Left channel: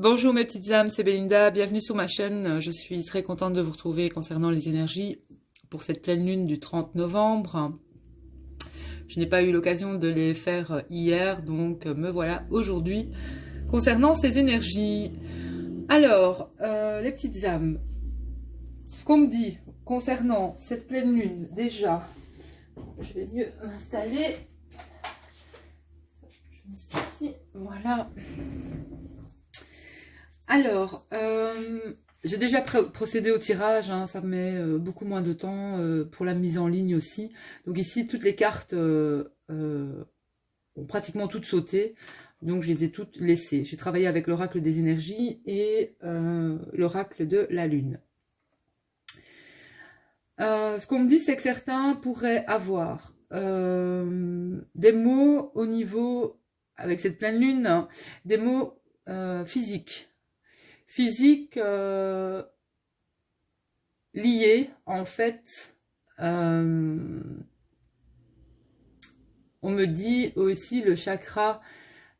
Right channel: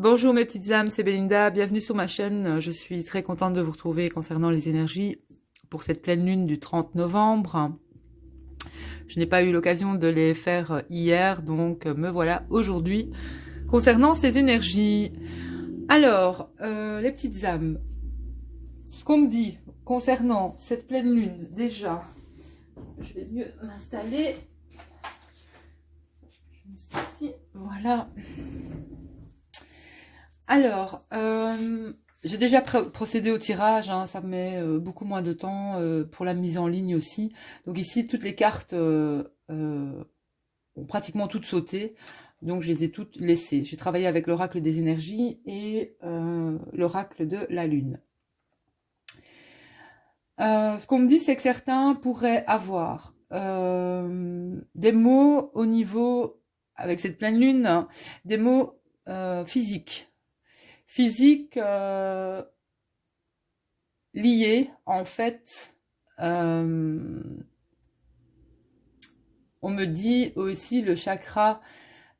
Bonjour mes petites âmes, c'est Belinda, bienvenue sur ma chaîne. Je suis très contente de vous retrouver concernant les énergies pour cette pleine lune du 30 novembre. Je n'ai pas eu l'occasion de les faire hier, donc me voilà aujourd'hui concernant ces énergies. Alors, les petites âmes, ce qu'on me dit concernant cette pleine lune, déjà, je vais mieux m'installer. Ici, voilà. Alors, j'ai déjà procédé au tirage, hein, ça me met beaucoup moins de temps pour la mise en ligne aussi. Donc ici, toutes les cartes ont pratiquement toutes sauté, donc je les ai toutes laissées. J'ai travaillé avec l'oracle des énergies et l'oracle de la lune. Ce qu'on me dit, c'est que certains pourraient avoir des mots au niveau, avec cette pleine lune, hein, des mots physiques. Physique lié en fait, on me dit aussi le chakra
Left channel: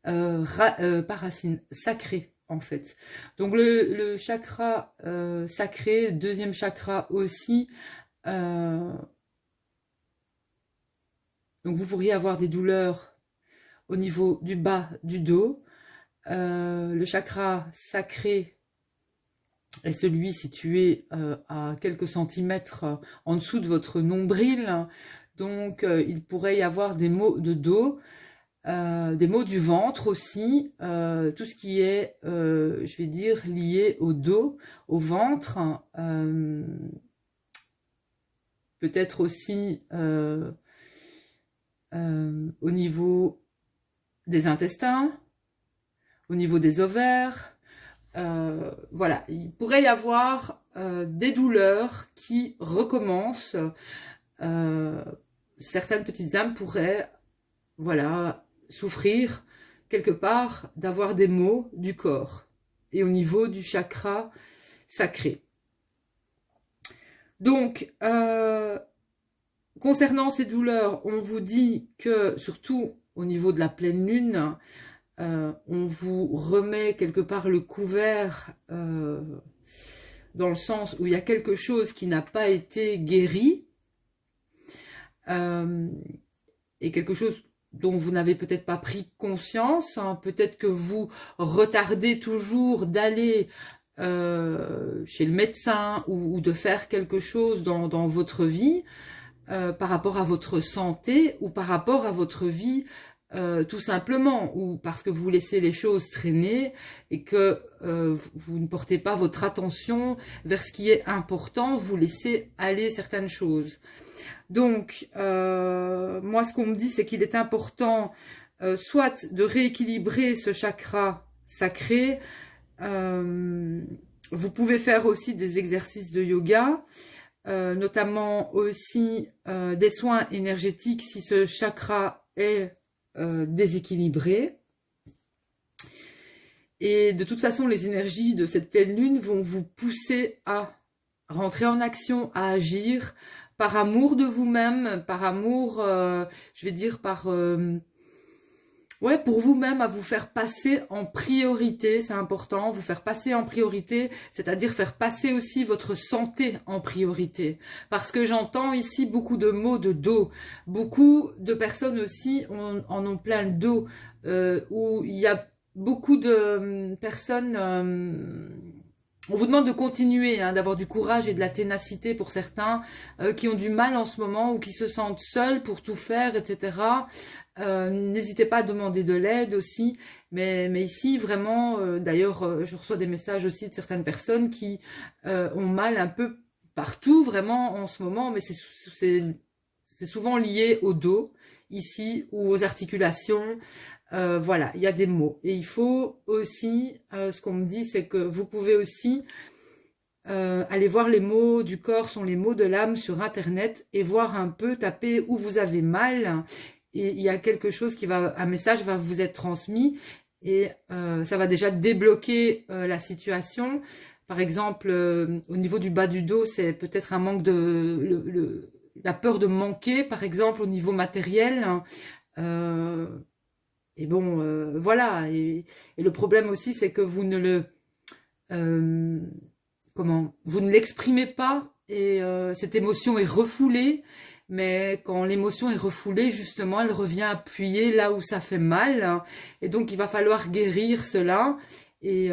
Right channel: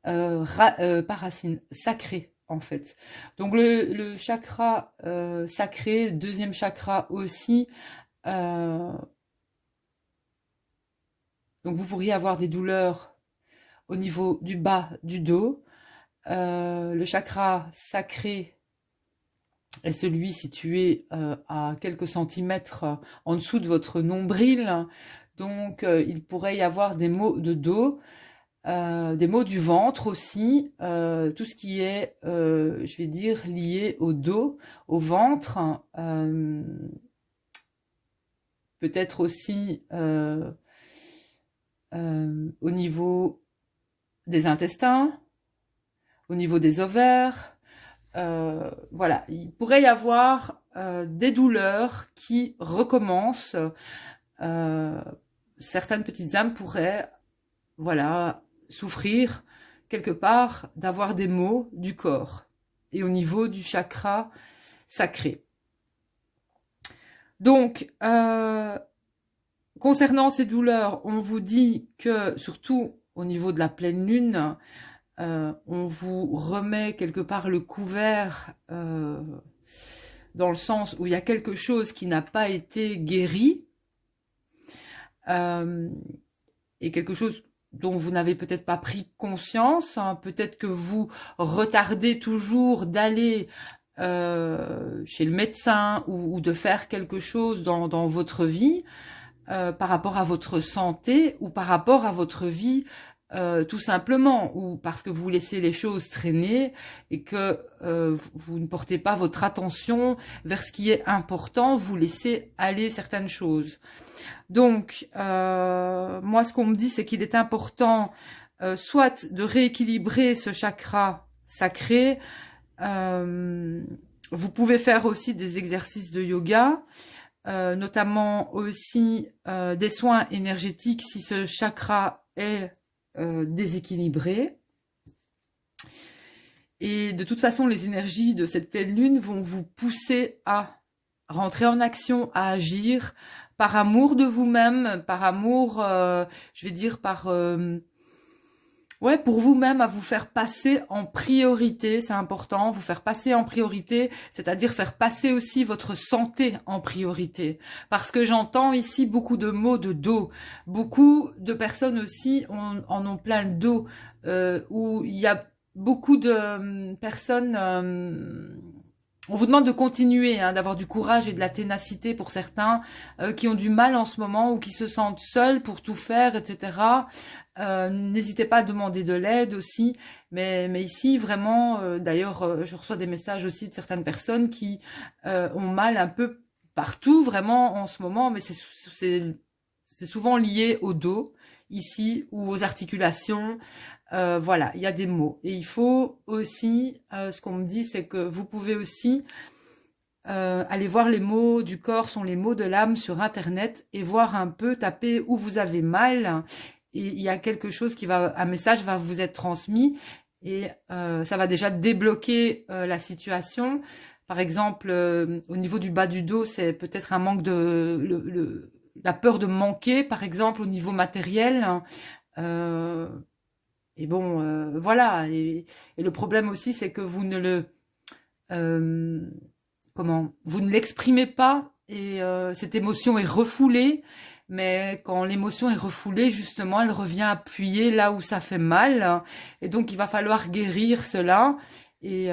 pas racine, sacré en fait. Donc le chakra sacré, le deuxième chakra aussi, donc vous pourriez avoir des douleurs au niveau du bas du dos. Le chakra sacré est celui situé à quelques centimètres en dessous de votre nombril. Donc, il pourrait y avoir des maux de dos, des maux du ventre aussi, tout ce qui est, je vais dire, lié au dos, au ventre. Peut-être aussi au niveau des intestins, au niveau des ovaires. Voilà, il pourrait y avoir des douleurs qui recommencent. Certaines petites âmes pourraient, voilà, souffrir quelque part d'avoir des maux du corps et au niveau du chakra sacré. Donc, concernant ces douleurs, on vous dit que, surtout au niveau de la pleine lune, on vous remet quelque part le couvert dans le sens où il y a quelque chose qui n'a pas été guéri et quelque chose dont vous n'avez peut-être pas pris conscience, hein. Peut-être que vous retardez toujours d'aller chez le médecin ou de faire quelque chose dans votre vie par rapport à votre santé ou par rapport à votre vie tout simplement, ou parce que vous laissez les choses traîner et que vous ne portez pas votre attention vers ce qui est important, vous laissez aller certaines choses. Donc, moi, ce qu'on me dit, c'est qu'il est important soit de rééquilibrer ce chakra sacré. Vous pouvez faire aussi des exercices de yoga, notamment aussi des soins énergétiques si ce chakra est déséquilibré. Et de toute façon, les énergies de cette pleine lune vont vous pousser à rentrer en action, à agir par amour de vous-même, par amour, je vais dire par... ouais, pour vous-même, à vous faire passer en priorité, c'est important, vous faire passer en priorité, c'est-à-dire faire passer aussi votre santé en priorité. Parce que j'entends ici beaucoup de maux de dos, beaucoup de personnes aussi en ont plein le dos, où il y a beaucoup de personnes... on vous demande de continuer, hein, d'avoir du courage et de la ténacité pour certains qui ont du mal en ce moment ou qui se sentent seuls pour tout faire, etc. N'hésitez pas à demander de l'aide aussi. Mais ici, vraiment, d'ailleurs, je reçois des messages aussi de certaines personnes qui ont mal un peu partout, vraiment, en ce moment. Mais c'est souvent lié au dos, ici, ou aux articulations. Voilà, il y a des mots. Et il faut aussi, ce qu'on me dit, c'est que vous pouvez aussi aller voir les mots du corps, sont les mots de l'âme sur Internet et voir un peu, taper où vous avez mal. Et il y a quelque chose qui va, un message va vous être transmis et ça va déjà débloquer la situation. Par exemple, au niveau du bas du dos, c'est peut-être un manque la peur de manquer, par exemple, au niveau matériel. et bon, voilà. Et le problème aussi, c'est que vous ne le, euh, comment, vous ne l'exprimez pas et cette émotion est refoulée. Mais quand l'émotion est refoulée, justement, elle revient appuyer là où ça fait mal. Hein. Et donc, il va falloir guérir cela. Et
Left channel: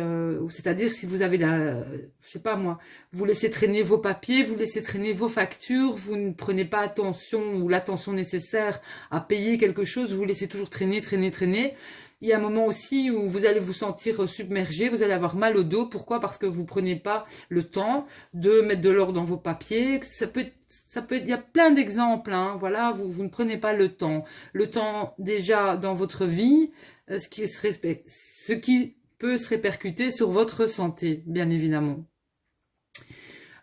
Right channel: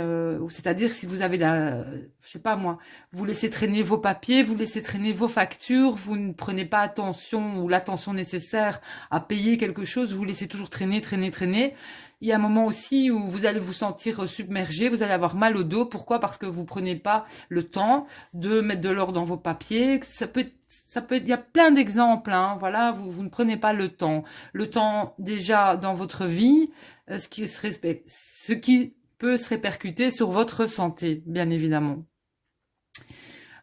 c'est-à-dire si vous avez je sais pas moi, vous laissez traîner vos papiers, vous laissez traîner vos factures, vous ne prenez pas attention ou l'attention nécessaire à payer quelque chose, vous laissez toujours traîner, traîner, traîner. Il y a un moment aussi où vous allez vous sentir submergé, vous allez avoir mal au dos. Pourquoi? Parce que vous prenez pas le temps de mettre de l'ordre dans vos papiers. Il y a plein d'exemples, hein. Voilà, vous ne prenez pas le temps. Le temps déjà dans votre vie, ce qui peut se répercuter sur votre santé, bien évidemment.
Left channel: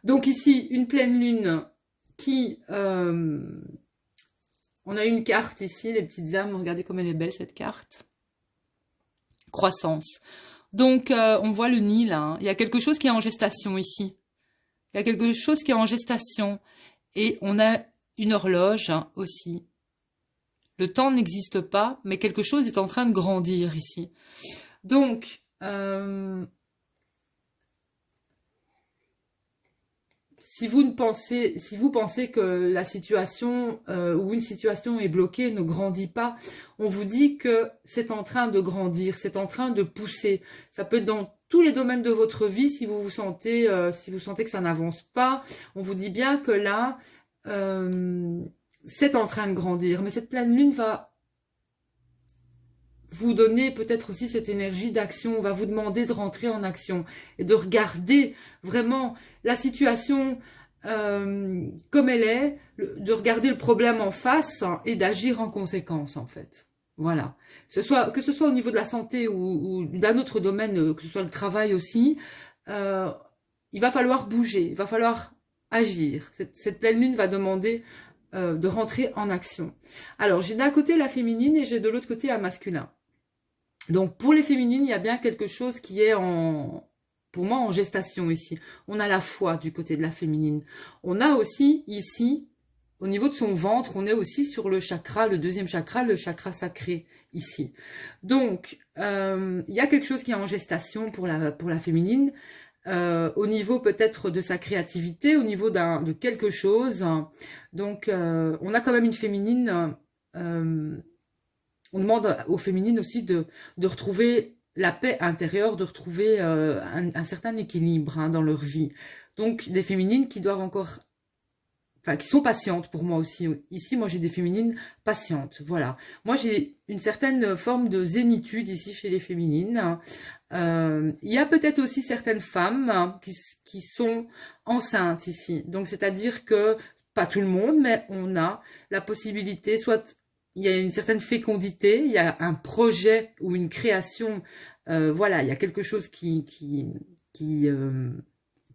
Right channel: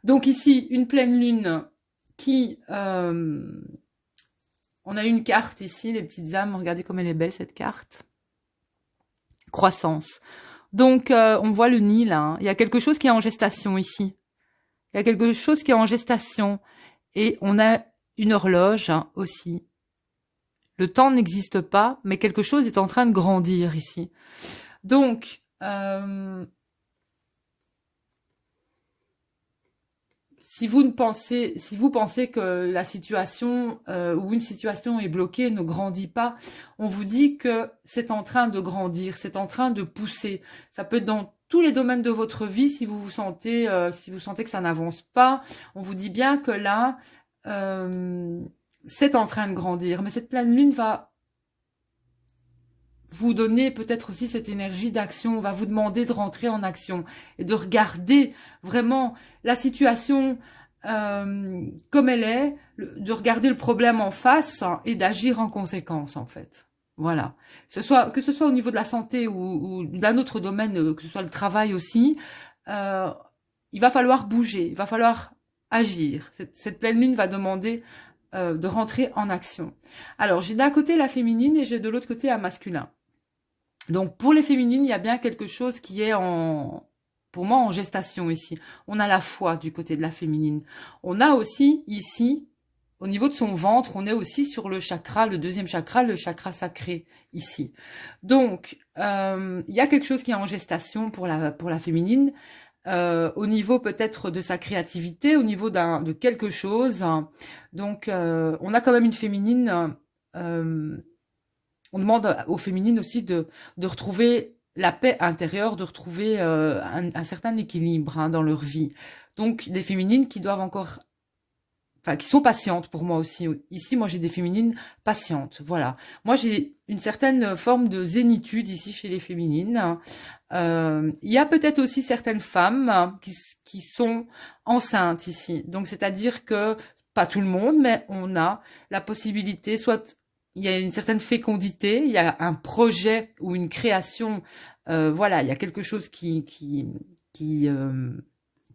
Donc ici, une pleine lune qui... on a une carte ici, les petites âmes. Regardez comme elle est belle, cette carte. Croissance. Donc, on voit le nid, là. Hein. Il y a quelque chose qui est en gestation ici. Il y a quelque chose qui est en gestation. Et on a une horloge hein, aussi. Le temps n'existe pas, mais quelque chose est en train de grandir ici. Donc, si vous pensez que la situation ou une situation est bloquée, ne grandit pas, on vous dit que c'est en train de grandir, c'est en train de pousser. Ça peut être dans tous les domaines de votre vie si vous sentez que ça n'avance pas. On vous dit bien que là, c'est en train de grandir. Mais cette pleine lune va vous donner peut-être aussi cette énergie d'action, on va vous demander de rentrer en action et de regarder vraiment la situation comme elle est, de regarder le problème en face hein, et d'agir en conséquence en fait. Voilà. Que ce soit au niveau de la santé ou d'un autre domaine, que ce soit le travail aussi, euh, il va falloir bouger, il va falloir agir. Cette pleine lune va demander de rentrer en action. Alors, j'ai d'un côté la féminine et j'ai de l'autre côté un masculin. Donc pour les féminines, il y a bien quelque chose qui est pour moi en gestation ici. On a la foi du côté de la féminine. On a aussi ici, au niveau de son ventre, on est aussi sur le chakra, le deuxième chakra, le chakra sacré ici. Donc il y a quelque chose qui est en gestation pour la féminine. Au niveau peut-être de sa créativité, au niveau de quelque chose. Donc on a quand même une féminine on demande aux féminines aussi de retrouver la paix intérieure, de retrouver un certain équilibre hein, dans leur vie. Donc, des féminines qui doivent encore... Enfin, qui sont patientes pour moi aussi. Ici, moi, j'ai des féminines patientes. Voilà. Moi, j'ai une certaine forme de zénitude ici chez les féminines. Il y a peut-être aussi certaines femmes qui sont enceintes ici. Donc, c'est-à-dire que, pas tout le monde, mais on a la possibilité, soit il y a une certaine fécondité, il y a un projet ou une création, voilà, il y a quelque chose qui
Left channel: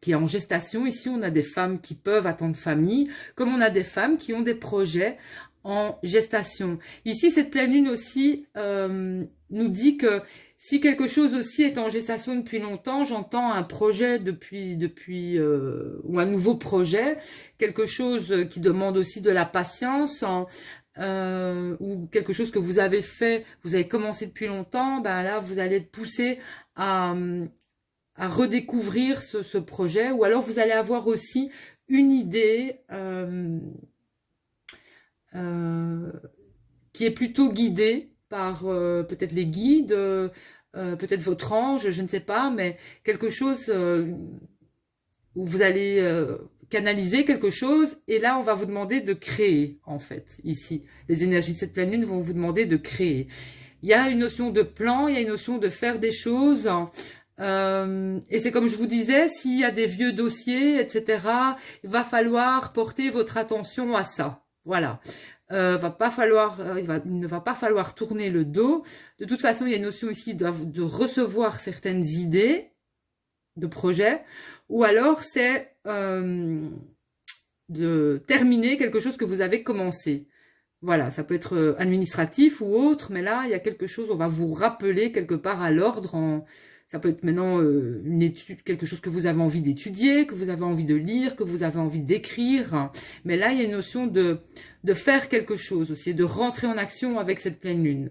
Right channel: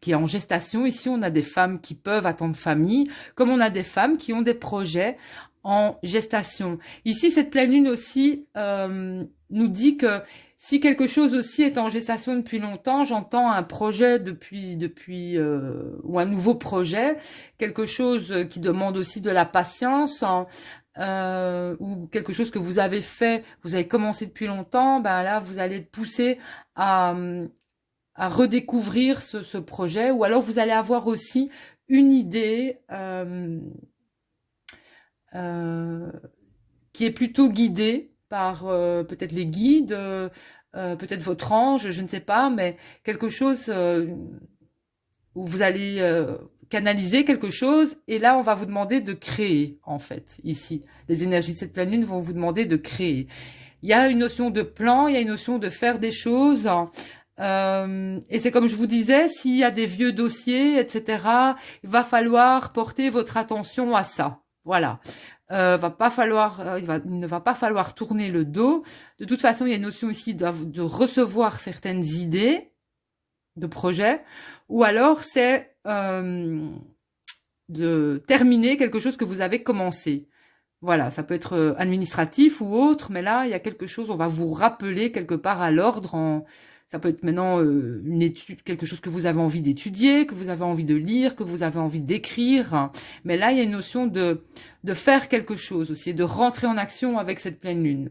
est en gestation. Ici, on a des femmes qui peuvent attendre famille, comme on a des femmes qui ont des projets en gestation. Ici, cette pleine lune aussi nous dit que si quelque chose aussi est en gestation depuis longtemps, j'entends un projet ou un nouveau projet, quelque chose qui demande aussi de la patience, ou quelque chose que vous avez fait, vous avez commencé depuis longtemps, ben là, vous allez être poussé à, à redécouvrir ce projet, ou alors vous allez avoir aussi une idée euh, qui est plutôt guidée par peut-être les guides, peut-être votre ange, je ne sais pas, mais quelque chose où vous allez canaliser quelque chose, et là, on va vous demander de créer, en fait, ici. Les énergies de cette pleine lune vont vous demander de créer. Il y a une notion de plan, il y a une notion de faire des choses, et c'est comme je vous disais, s'il y a des vieux dossiers, etc., il va falloir porter votre attention à ça. Voilà. Il ne va pas falloir tourner le dos. De toute façon, il y a une notion ici de recevoir certaines idées de projets, ou alors c'est de terminer quelque chose que vous avez commencé. Voilà, ça peut être administratif ou autre, mais là, il y a quelque chose, on va vous rappeler quelque part à l'ordre. Ça peut être maintenant une étude, quelque chose que vous avez envie d'étudier, que vous avez envie de lire, que vous avez envie d'écrire. Mais là, il y a une notion de faire quelque chose aussi, de rentrer en action avec cette pleine lune.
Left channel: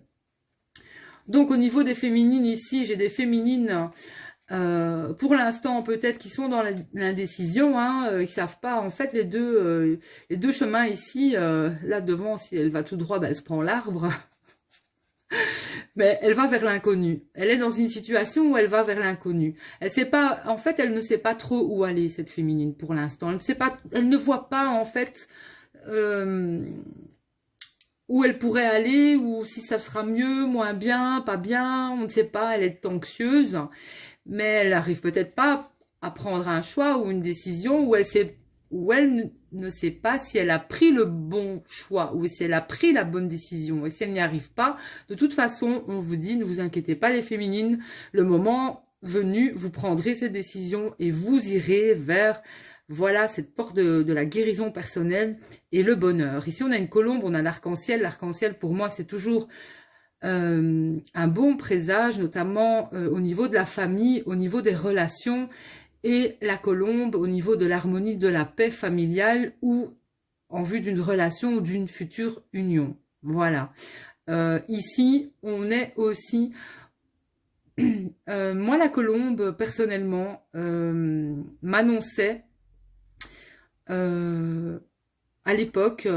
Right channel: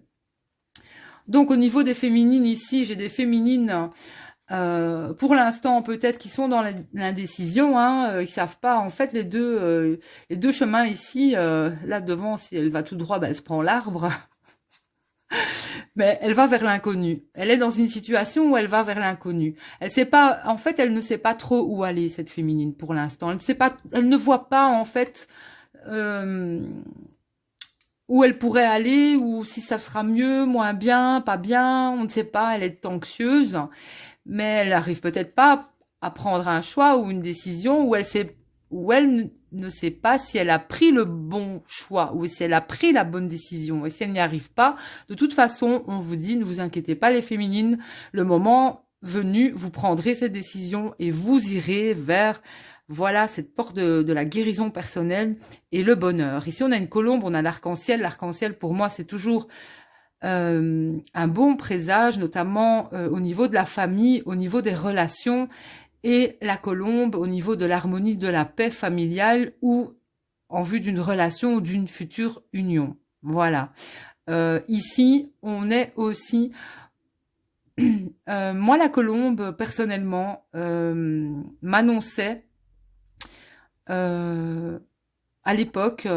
Donc au niveau des féminines ici, j'ai des féminines pour l'instant peut-être qui sont dans l'indécision, hein, qui savent pas en fait les deux chemins ici. Là devant, si elle va tout droit, ben, elle se prend l'arbre, mais elle va vers l'inconnu. Elle est dans une situation où elle va vers l'inconnu. Elle sait pas, en fait, elle ne sait pas trop où aller cette féminine pour l'instant. Elle ne sait pas, elle ne voit pas en fait. Euh, où elle pourrait aller, ou si ça sera mieux, moins bien, pas bien, on ne sait pas, elle est anxieuse, mais elle n'arrive peut-être pas à prendre un choix ou une décision où elle sait, où elle ne sait pas si elle a pris le bon choix ou si elle a pris la bonne décision. Et si elle n'y arrive pas, de toute façon, on vous dit, ne vous inquiétez pas les féminines, le moment venu, vous prendrez cette décision et vous irez vers, voilà, cette porte de la guérison personnelle et le bonheur. Ici, on a une colombe, on a l'arc-en-ciel. L'arc-en-ciel, pour moi, c'est toujours un bon présage, notamment au niveau de la famille, au niveau des relations, et la colombe au niveau de l'harmonie, de la paix familiale ou en vue d'une relation ou d'une future union. Voilà. Ici, on est aussi... moi, la colombe, personnellement, m'annonçait à l'époque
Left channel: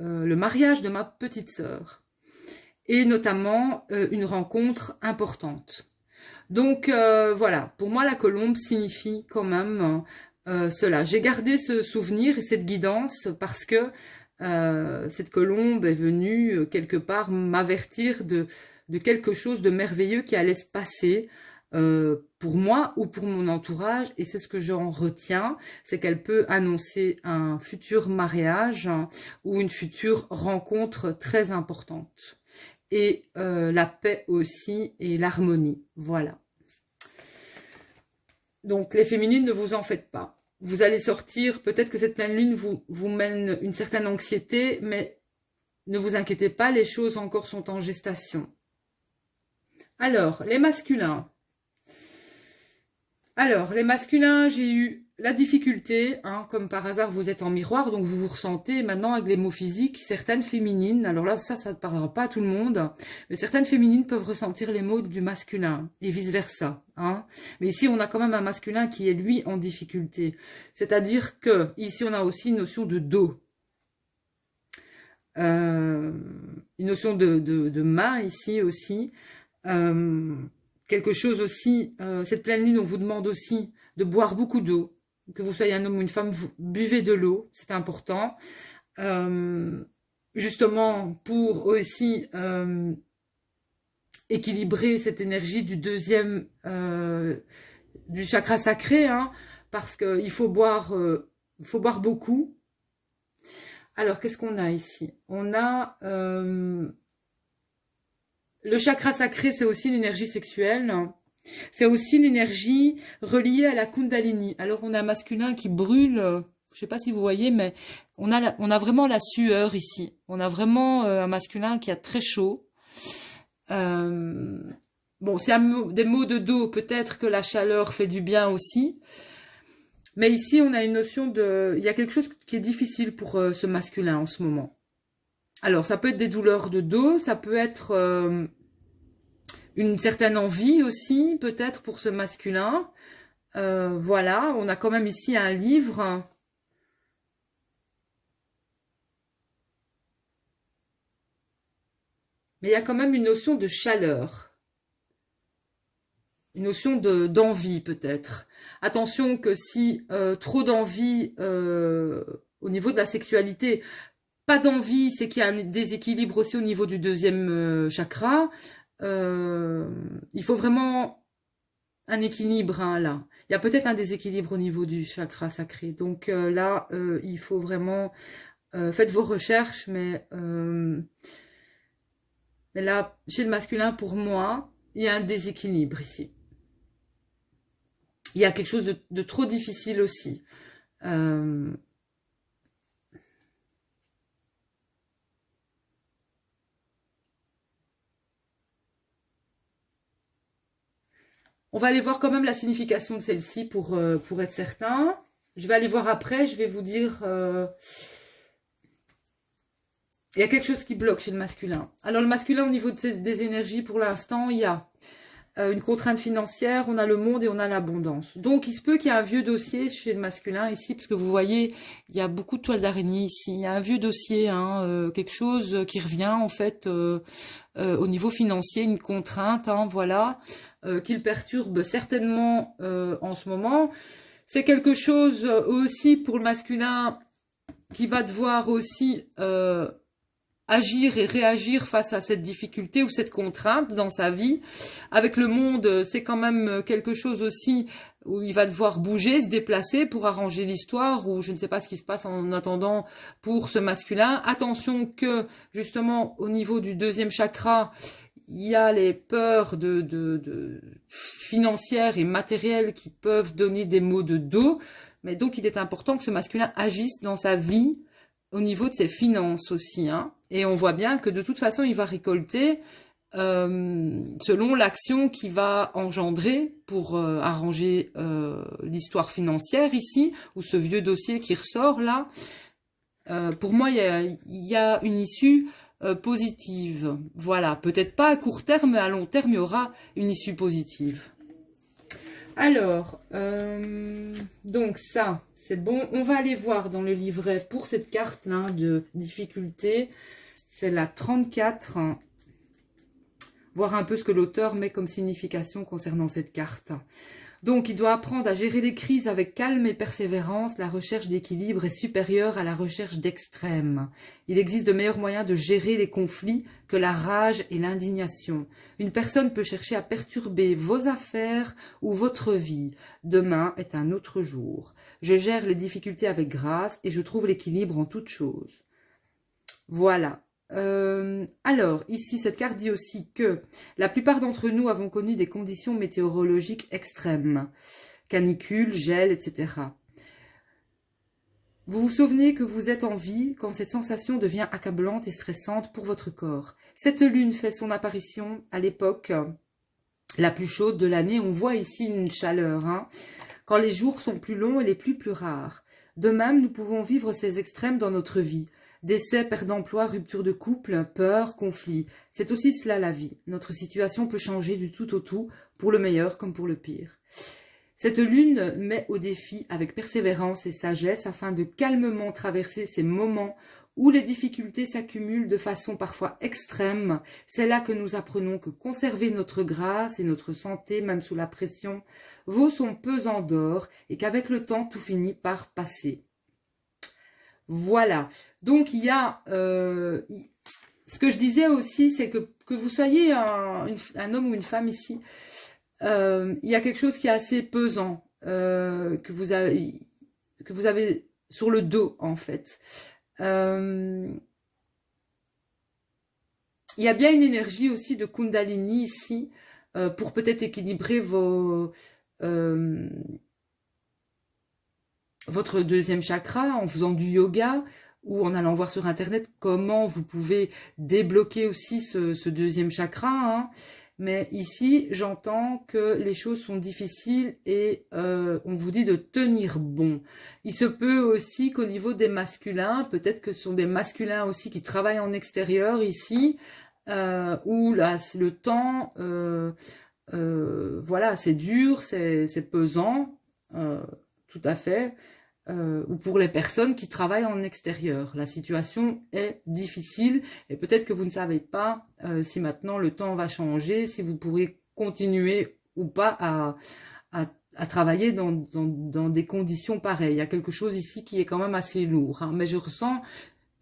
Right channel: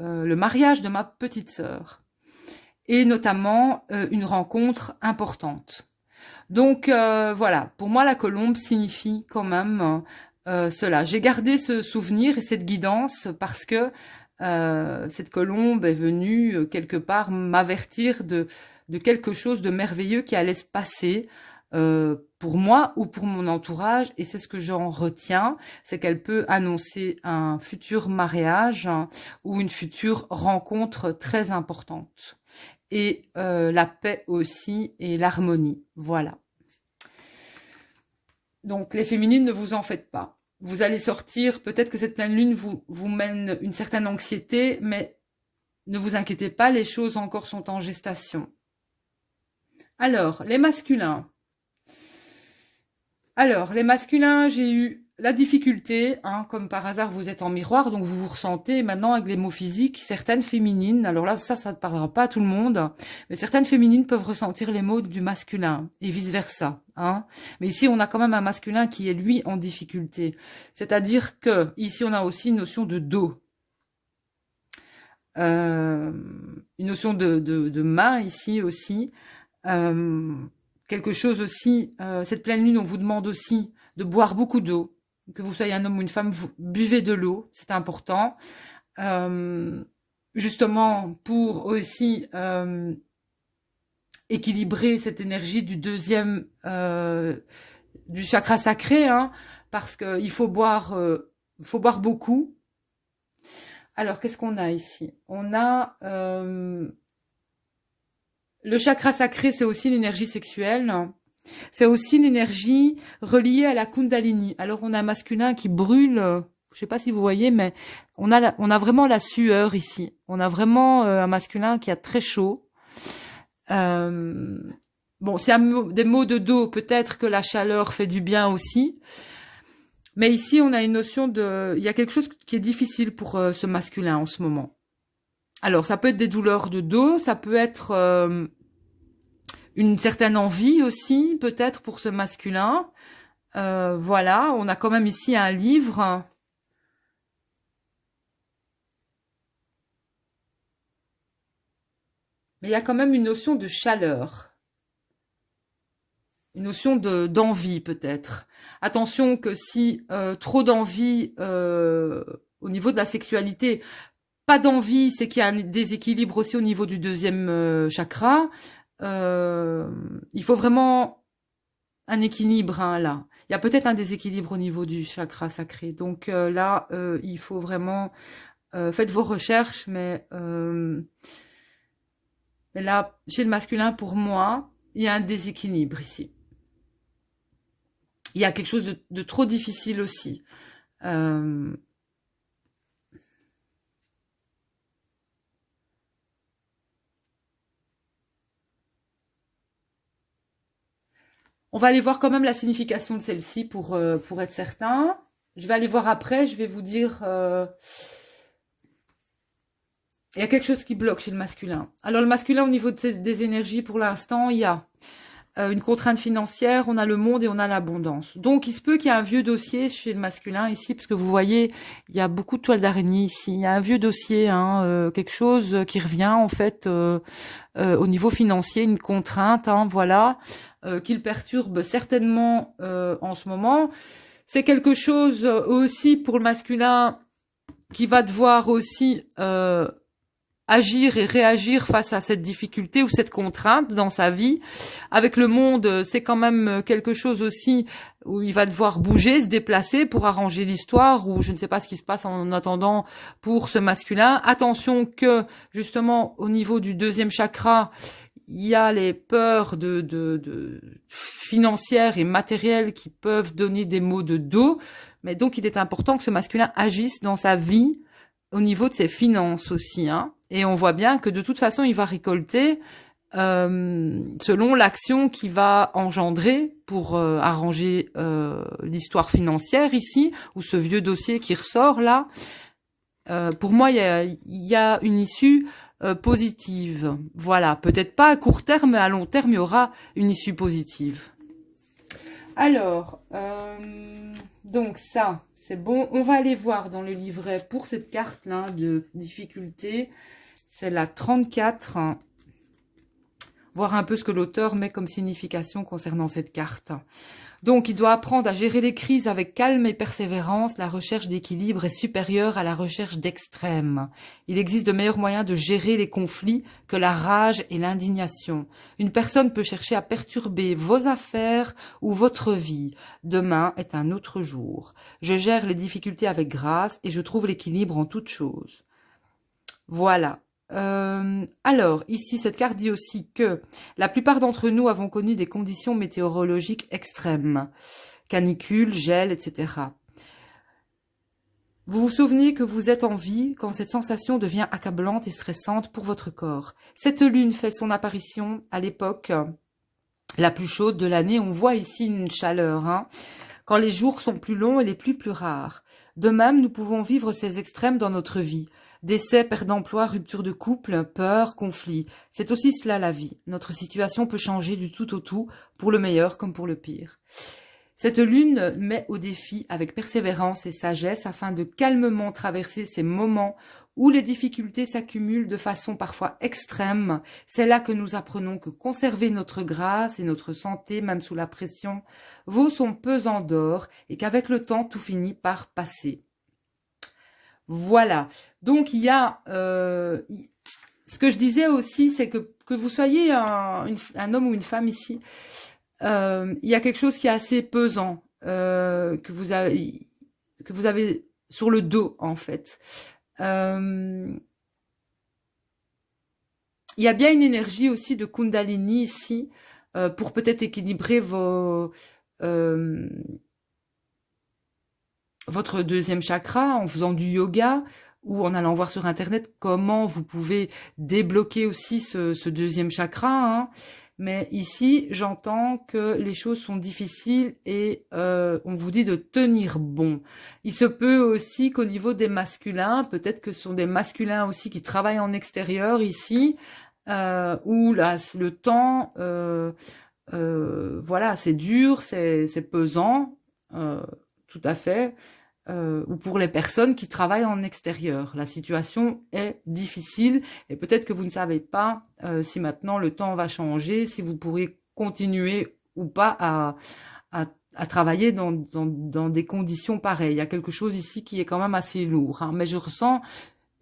le mariage de ma petite sœur et notamment une rencontre importante. Donc voilà, pour moi la colombe signifie quand même cela. J'ai gardé ce souvenir et cette guidance parce que cette colombe est venue quelque part m'avertir de quelque chose de merveilleux qui allait se passer pour moi ou pour mon entourage, et c'est ce que j'en retiens, c'est qu'elle peut annoncer un futur mariage, hein, ou une future rencontre très importante. Et la paix aussi et l'harmonie, voilà. Donc les féminines, ne vous en faites pas. Vous allez sortir, peut-être que cette pleine lune vous mène une certaine anxiété, mais ne vous inquiétez pas, les choses encore sont en gestation. Alors, les masculins. Alors, les masculins, j'ai eu la difficulté, hein, comme par hasard, vous êtes en miroir, donc vous vous ressentez maintenant avec les mots physiques, certaines féminines, alors là, ça ne parlera pas à tout le monde, mais certaines féminines peuvent ressentir les mots du masculin, et vice-versa. Hein. Mais ici, on a quand même un masculin qui est, lui, en difficulté. C'est-à-dire que, ici, on a aussi une notion de dos. Une notion de main, ici, aussi. Quelque chose aussi, cette pleine lune, on vous demande aussi de boire beaucoup d'eau, que vous soyez un homme ou une femme, vous buvez de l'eau, c'est important, justement pour aussi équilibrer cette énergie du deuxième, du chakra sacré, hein, parce qu'il faut boire beaucoup. Alors, qu'est-ce qu'on a ici? On a le chakra sacré, c'est aussi l'énergie sexuelle. C'est aussi l'énergie reliée à la Kundalini. Alors, on a un masculin qui brûle. Je ne sais pas si vous voyez, mais on a vraiment la sueur ici. On a vraiment un masculin qui a très chaud. Bon, c'est des mots de dos. Peut-être que la chaleur fait du bien aussi. Mais ici, on a une notion de... Il y a quelque chose qui est difficile pour ce masculin en ce moment. Alors, ça peut être des douleurs de dos, ça peut être une certaine envie aussi, peut-être pour ce masculin. Voilà, on a quand même ici un livre. Mais il y a quand même une notion de chaleur. Une notion d'envie peut-être. Attention que si trop d'envie au niveau de la sexualité, pas d'envie, c'est qu'il y a un déséquilibre aussi au niveau du deuxième chakra. Il faut vraiment un équilibre hein, là. Il y a peut-être un déséquilibre au niveau du chakra sacré. Donc là, il faut vraiment... faites vos recherches, mais là, chez le masculin, pour moi, il y a un déséquilibre ici. Il y a quelque chose de trop difficile aussi. On va aller voir quand même la signification de celle-ci pour être certain. Je vais aller voir après, je vais vous dire... Il y a quelque chose qui bloque chez le masculin. Alors, le masculin, au niveau des énergies, pour l'instant, il y a une contrainte financière, on a le monde et on a l'abondance. Donc, il se peut qu'il y ait un vieux dossier chez le masculin ici, parce que vous voyez, il y a beaucoup de toiles d'araignée ici. Il y a un vieux dossier, hein, quelque chose qui revient en fait au niveau financier, une contrainte, hein, voilà, qu'il perturbe certainement en ce moment. C'est quelque chose aussi pour le masculin qui va devoir aussi agir et réagir face à cette difficulté ou cette contrainte dans sa vie. Avec le monde, c'est quand même quelque chose aussi où il va devoir bouger, se déplacer pour arranger l'histoire, ou je ne sais pas ce qui se passe en attendant pour ce masculin. Attention que, justement, au niveau du deuxième chakra, il y a les peurs financières et matérielles qui peuvent donner des maux de dos. Mais donc, il est important que ce masculin agisse dans sa vie au niveau de ses finances aussi, hein. Et on voit bien que de toute façon, il va récolter selon l'action qu'il va engendrer pour arranger l'histoire financière ici, ou ce vieux dossier qui ressort là. Pour moi, il y a une issue positive. Voilà, peut-être pas à court terme, mais à long terme, il y aura une issue positive. Alors, donc ça, c'est bon. On va aller voir dans le livret pour cette carte-là de difficulté. C'est la 34. Voir un peu ce que l'auteur met comme signification concernant cette carte. Donc, il doit apprendre à gérer les crises avec calme et persévérance. La recherche d'équilibre est supérieure à la recherche d'extrême. Il existe de meilleurs moyens de gérer les conflits que la rage et l'indignation. Une personne peut chercher à perturber vos affaires ou votre vie. Demain est un autre jour. Je gère les difficultés avec grâce et je trouve l'équilibre en toutes choses. Voilà. Alors, ici, cette carte dit aussi que la plupart d'entre nous avons connu des conditions météorologiques extrêmes, canicule, gel, etc. Vous vous souvenez que vous êtes en vie quand cette sensation devient accablante et stressante pour votre corps. Cette lune fait son apparition à l'époque la plus chaude de l'année. On voit ici une chaleur, hein, quand les jours sont plus longs et les pluies plus rares. De même, nous pouvons vivre ces extrêmes dans notre vie. Décès, perte d'emploi, rupture de couple, peur, conflit. C'est aussi cela la vie. Notre situation peut changer du tout au tout, pour le meilleur comme pour le pire. Cette lune met au défi avec persévérance et sagesse afin de calmement traverser ces moments où les difficultés s'accumulent de façon parfois extrême. C'est là que nous apprenons que conserver notre grâce et notre santé, même sous la pression, vaut son pesant d'or et qu'avec le temps, tout finit par passer. Voilà, donc il y a, ce que je disais aussi, c'est que vous soyez un homme ou une femme ici, il y a quelque chose qui est assez pesant, que vous avez sur le dos en fait. Il y a bien une énergie aussi de Kundalini ici, pour peut-être équilibrer votre deuxième chakra en faisant du yoga ou en allant voir sur internet comment vous pouvez débloquer aussi ce deuxième chakra, hein. Mais ici, j'entends que les choses sont difficiles et on vous dit de tenir bon. Il se peut aussi qu'au niveau des masculins, peut-être que ce sont des masculins aussi qui travaillent en extérieur ici, où là, le temps, voilà, c'est dur, c'est pesant, tout à fait. Ou pour les personnes qui travaillent en extérieur. La situation est difficile et peut-être que vous ne savez pas si maintenant le temps va changer, si vous pourrez continuer ou pas à travailler dans des conditions pareilles. Il y a quelque chose ici qui est quand même assez lourd, hein. Mais je ressens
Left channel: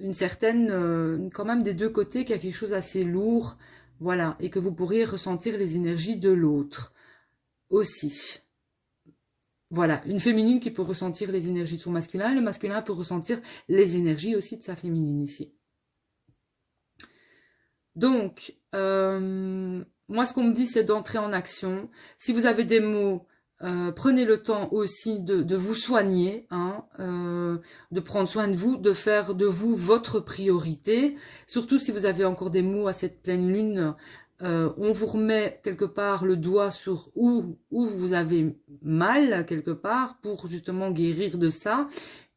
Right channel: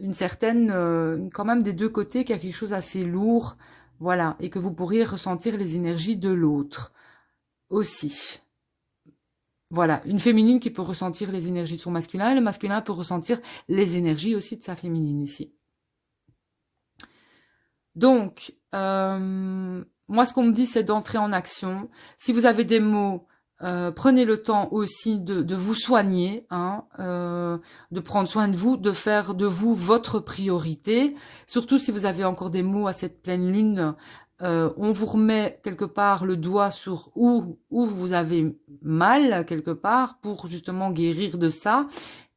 une certaine, quand même des deux côtés, qu'il y a quelque chose assez lourd, voilà, et que vous pourriez ressentir les énergies de l'autre aussi. Voilà, une féminine qui peut ressentir les énergies de son masculin, et le masculin peut ressentir les énergies aussi de sa féminine ici. Donc, moi ce qu'on me dit c'est d'entrer en action. Si vous avez des mots, prenez le temps aussi de vous soigner, hein, de prendre soin de vous, de faire de vous votre priorité. Surtout si vous avez encore des mots à cette pleine lune, on vous remet quelque part le doigt sur où vous avez mal quelque part pour justement guérir de ça.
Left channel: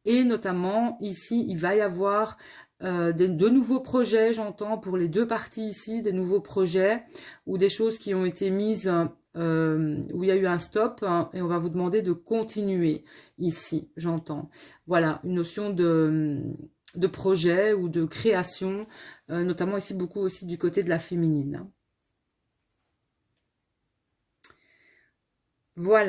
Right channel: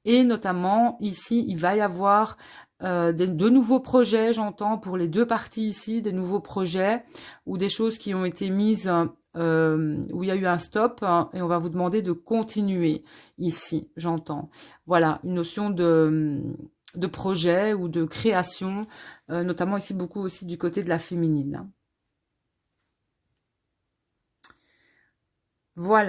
Et notamment ici, il va y avoir de nouveaux projets, j'entends, pour les deux parties ici, des nouveaux projets ou des choses qui ont été mises, où il y a eu un stop, hein, et on va vous demander de continuer ici, j'entends. Voilà, une notion de projet ou de création, notamment ici beaucoup aussi du côté de la féminine, hein. Voilà.